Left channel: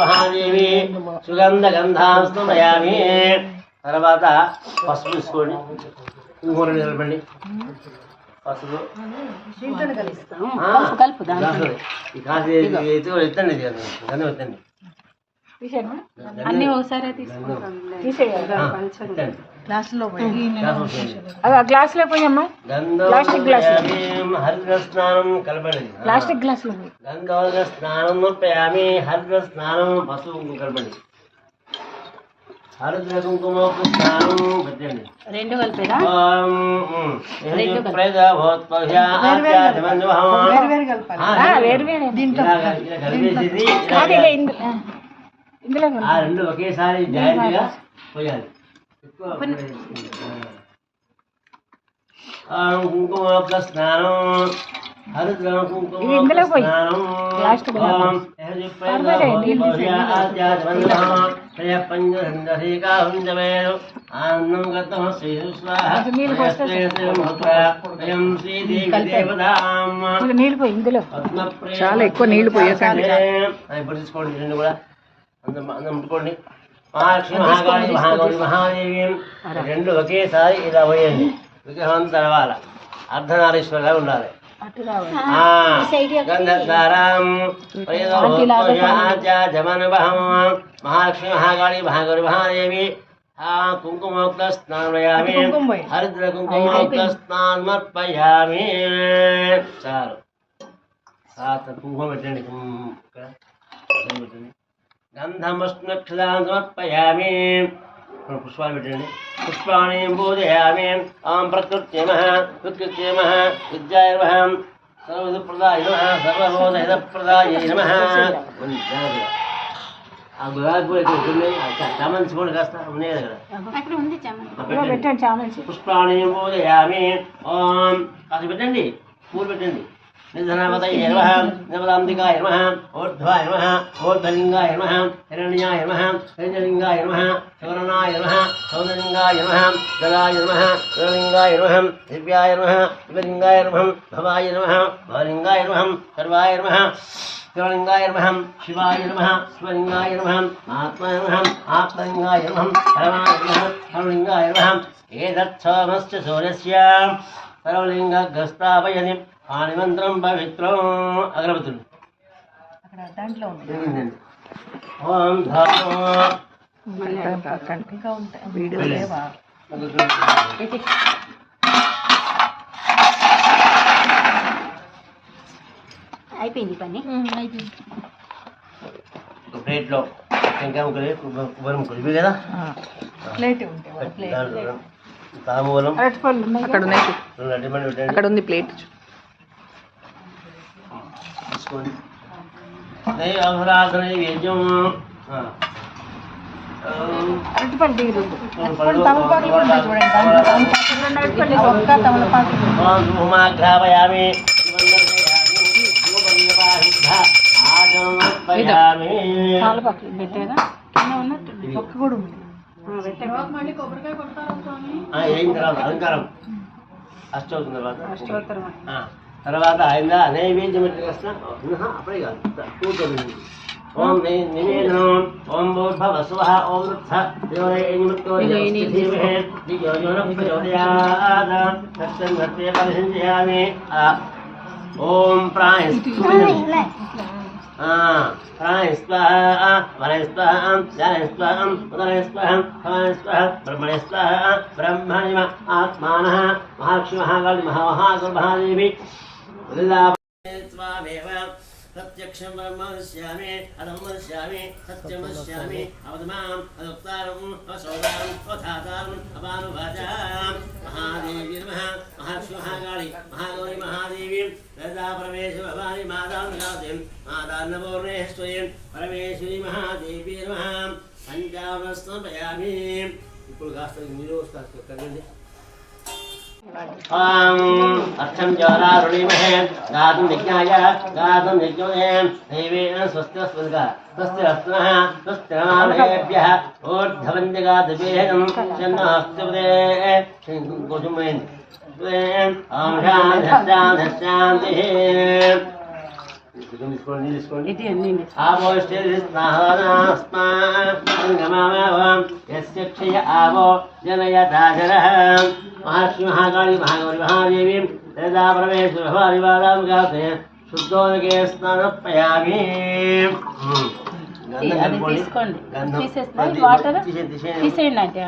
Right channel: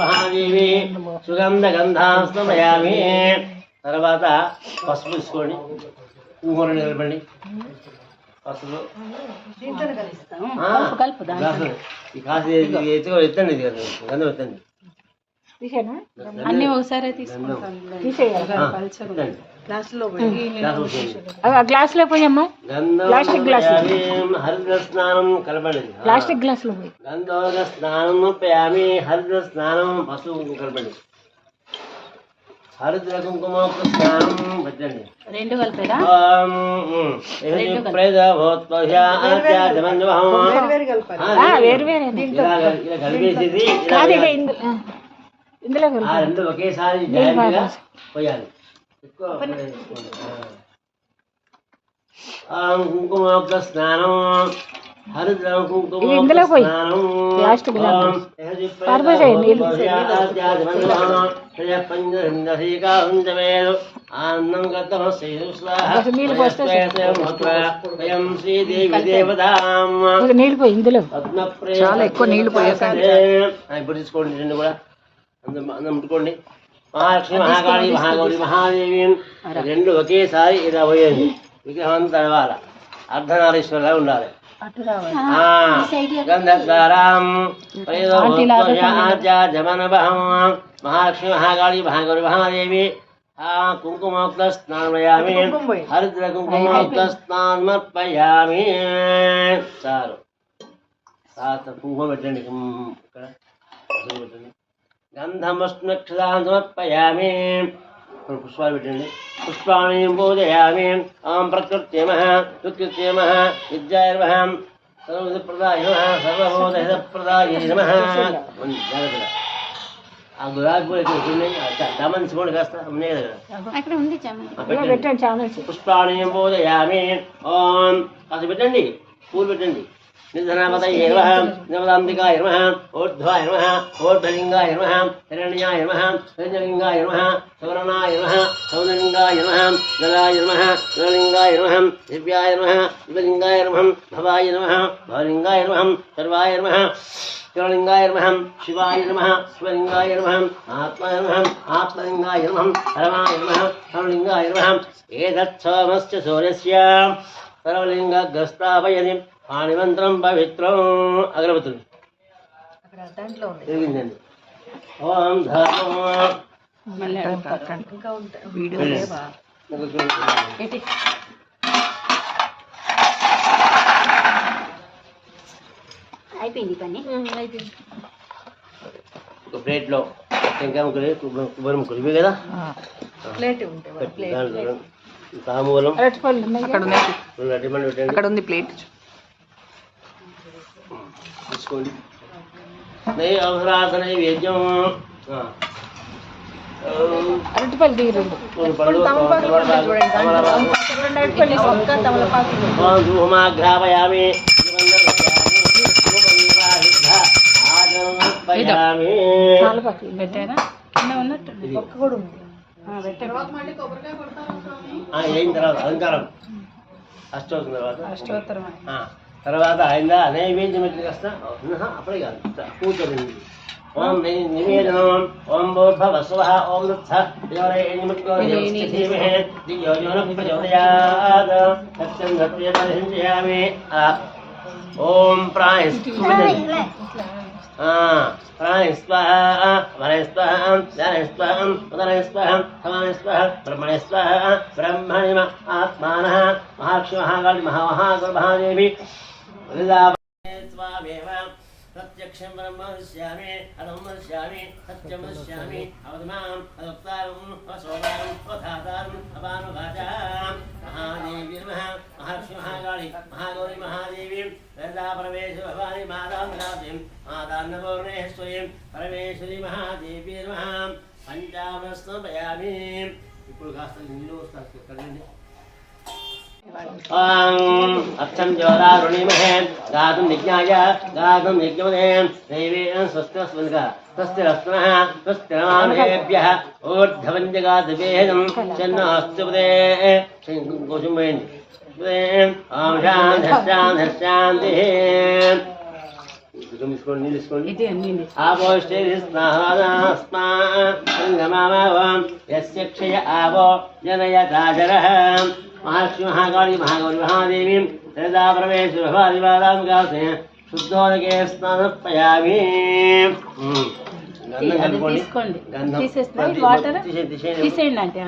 మహాదేవి సుగంధ గంధాస్తమయామి. తర్వాత పసుపు తీసుకోండి, ఇంకోటి నిలబడి పసుపు కాసి ఎత్తండి, గంధం ఎత్తండి. అన్ని ఒకసారి గ్లాసులో పోయమ్మా, ప్లాస్టిక్ గ్లాస్, హరిద్ర స్నానం కలపండి. ప్లాస్టిక్ గ్లాస్ లో గంధోదక స్నానం నొప్పామి, హరిద్ర స్నానం పసుపు కలపండి. హరిద్ర కుంకుమ స్నానం పెట్టండి. రెండు కలిపేదా? రెండు ఒకేసారి జాగ్రత్తగా పోయాలి. కుంకుమ స్నానం, హరిద్ర కుంకుమ స్నానం, చాలా ఎక్కువ నీళ్లు పోయకండి. ఇప్పుడు తీసుకోండి, రెండు కూడా అందం ముట్టుకోండి. మహాలక్ష్మి మహాకాళి మహాగౌరి మహాదేవి రెండు ఒకేసారి ఇలా పోయండి. విగ్రహం తెలవాలి, అర్ధనారీశ్వరులాగా ఉండాలి. మహాలక్ష్మి మహాకాళి మహాగౌరి మహాదేవి కుంకుమోక్త స్నానయామి, హరిద్ర కుంకుమోక్త స్నానమర్పయామి. చాలు, కుంకుమ పెట్టండి, పెట్టండి. గంధమస్మక్షదాం సమర్పయామి. పుష్పాలు పెట్టండి. పుష్పాణి పూజయామి. ఓం ప్రకృత్యై నమః, ప్రకృత్యై నమః, విద్యాయ నమః, సర్వవిధప్రదాయ నమః, సర్వభూతహితప్రదాయ నమః. ఆ గులాబీ పూలు ఇక్కడ ఉన్నాయి, చామంతి పూలు కాస్త ఉన్నాయి కదా. పుష్పాణి పూజయామి. ఓం కాస్త పెట్టండి, పూలు పెట్టండి. నిధనామతయే నమః, నవదాంతికాయ నమః, ఊర్ధ్వాయ నమః, ఊర్ధ్వలింగాయ నమః, హిరణ్యాయ నమః, హిరణ్యలింగాయ నమః, సౌరణాయ నమః, సౌందర్లింగాయ నమః, జలాయ నమః, జలలింగాయ నమః, దివ్యాయ నమః, దివ్యలింగాయ నమః, భవాయ నమః, భవలింగాయ నమః, సర్వాయ నమః, శివలింగాయ నమః, శివాయ నమః, శివలింగాయ నమః, ఆత్మాయ నమః, ఆత్మలింగాయ నమః, పరమాయ నమః, పరమలింగాయ నమః. ఏతత్ సోమస్య సూర్యస్య సర్వలింగగ్రస్తావయని పాణిమంత్రం పవిత్రం. అగరబత్తులు జరిగిందండి. ఓం ధర్మో అయిపోయింది పని. ప్లేట్లో టెంకాయ ముక్కలు, కొబ్బరి ముక్కలు ఇవి కదా. తాంబూలం అక్కడ ఉంది, ప్లేట్ తీసుకోండి. అవసరాధన నైవేద్యం ఘ్రాపయామి. అయిన తర్వాత అలంకారం అష్టోత్తరం తర్వాత ఆయన నైవేద్యం వస్తా అప్పుడే కాదు, కూర్చోండి. ఓం నివేదనం. ఓం భూర్భవ స్వః, ఓం వృత్స నిమిత్తో ధీమహి ధియో యో నః ప్రచోదయాత్. సత్యం సత్య పరిశుద్ధయామి. ఓం ప్రాయ ప్రాయ స్వాహ, వరయ స్వాహ, ధ్యాయ స్వాహ, ఉదరయ స్వాహ, సమాయ స్వాహ, బ్రహ్మణ్య స్వాహ. బ్రహ్మణ్య ఆత్మానః మహాలక్ష్మి మహాకాళి మహాగౌరి మహాదేవి ప్రత్యక్షం బ్రహ్మశ్యామి, అధమశ్యామి, సత్యం వశ్యామి, అవధమాం అదోక్తారం అవసౌదారం అవధాతారం అపానుభాజాం. మహాదేవి నమః. మహాలక్ష్మి మహాకాళి మహాగౌరి మహాదేవి లలితా పరమేశ భవాని మాతాం మాతాన్నపూర్ణేశ్వరీం పరమేశ్వరి మహాదేవి నమః. పంచామృతం సమర్పయామి. ఇప్పుడు కాస్త నీరు కడగండి. అక్షం జ్యోరారుణిమహే గాతుం యజ్ఞాయ గాతుం యజ్ఞోదే దైవేన స్వస్తిరస్మిన్గా స్వస్తిరస్నః స్వస్తిరమానుషేభ్యః ఊర్ధ్వవంజగాదివేదం శన్నః కోశమేన్ ఓం శాంతి తీసుకోండి యస్య క్షయ ఆవో జనయతాజరః మహాలక్ష్మి మహాకాళి మహాగౌరి మహాదేవి యదా పరమేశ్వర భవాదివాదాం గాసే శుద్ధోదకే స్నానపయామి. తీసేయండి అంటే